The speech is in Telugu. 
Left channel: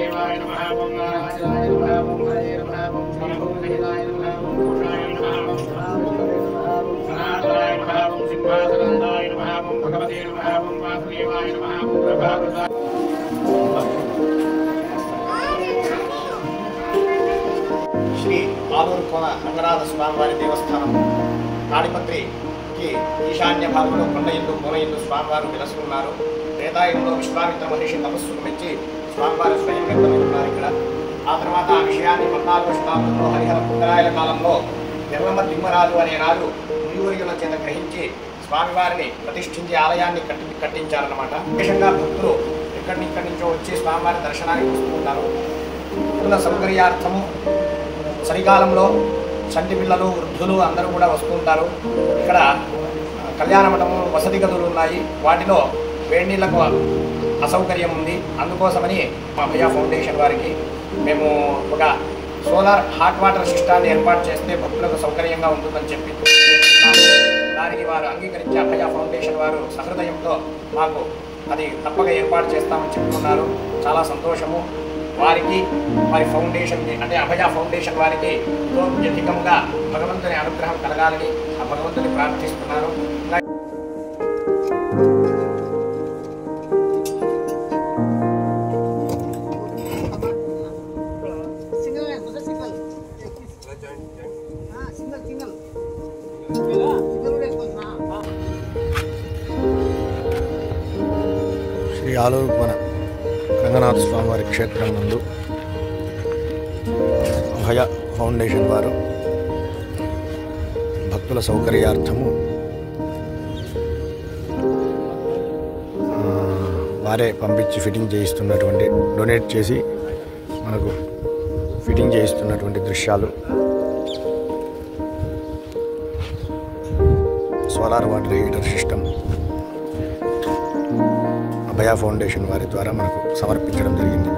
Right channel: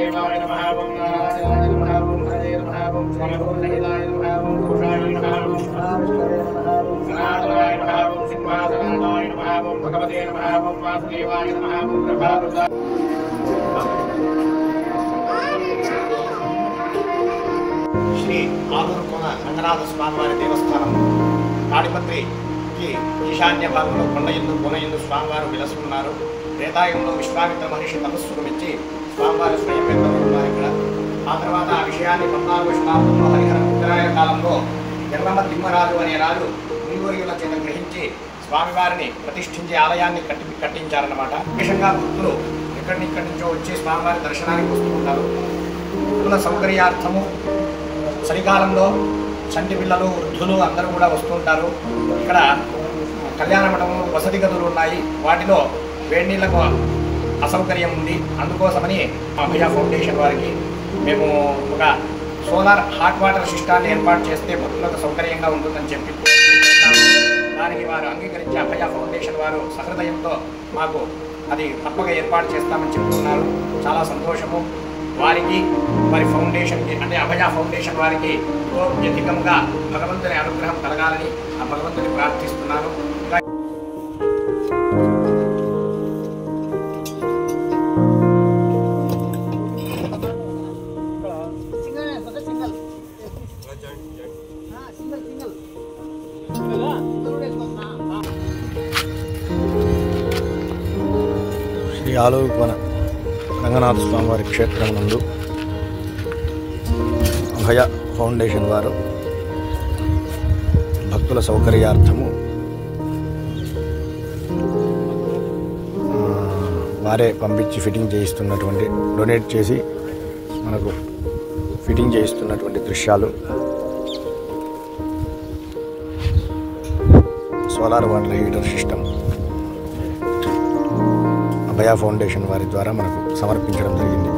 वासुदेवाय नमः ओम नारायणाय नमः ओम हरये नमः ओम श्रीभूतहिताय नमः ओम पुरुषाय नमः ओम महाविष्णवे नमः ओम सनातनाय नमः ओम सिंहासनाय नमः ओम भगवते नमः ओम वासुदेवाय नमः ओम प्रभावृताय శ్రీ ఆలూరు కోన రంగనాథ స్వామివారి దేవస్థానం తాడిపత్రికి ఈశాన్య భాగంలో కొండ ఎందు కోన ఎందు స్వామివారు విలసున్నారు. త్రేతాయుగంలో విశ్వామిత్ర మహర్షి తపస్సుకు మెచ్చి స్వామివారు స్వయం వ్యక్తంలో ఉన్నారు ఇక్కడ. ఆ తర్వాత ఆ విషయాన్ని 14వ శతాబ్దంలో హరిహర ఉత్తరాయణ కాలంలో ఎర్రమ్మ తిమ్మరాజు అనే రాజు మునివర్యుల చేత గ్రహించి స్వామివారిని ప్రతిష్ఠించి ఆలయాన్ని కట్టించారన్నమాట. విశేషంగా భక్తులు ఇక్కడి నుంచో వచ్చి స్వామివారి దర్శనానికి వస్తూ ఉంటారు. భక్తుల సౌకర్యార్థము చలికాలంలో చంటి పిల్లలు వృద్ధులు అందరూ కూడా వస్తుంటారు. ఇక్కడ కళ్యాణ మండపం వసతి గదులు ఉన్నాయి. వాటిలో వేడి నీళ్లకు అసౌకర్యం ఉంది. అందుకోసమని అభయ ఫౌండేషన్ వారికి మేము ఒక సోలార్ హాట్ వాటర్ సిస్టాన్ని ఏర్పాటు చేస్తే భక్తులకు సౌకర్యంగా ఉంటుందని చెప్పి దానికి వారు అంగీకరించి అభయ ఫౌండేషన్ వారు సహృదయంతో మాకు అది తప్పక ఏర్పాటు చేస్తామని చెప్తున్నారు. చాలా సంతోషము. వారికి వారి ఫౌండేషన్కి అంటే అభయ ఫౌండేషన్ వారికి అధికంగా భగవంతుని అనుగ్రహం కలగాలని ఆ భగవంతుని ప్రార్థిస్తున్నాను. శ్రీ ఆలూరు కోన రంగనాథ స్వామివారి క్షేత్రం నందు అభయ ఫౌండేషన్ వారు భక్తుల సౌకర్యార్థము వారే పంపించి ఫిట్టింగ్ చేయిస్తున్నటువంటి డొనేట్ చేసి మనకు ఫిట్టింగ్ చేయిస్తున్నటువంటి దృశ్యాలు సోలార్ వాటర్ హీటర్ సిస్టమ్ అభయ ఫౌండేషన్ వారి ద్వారా మనకు సమర్పించడం జరిగింది.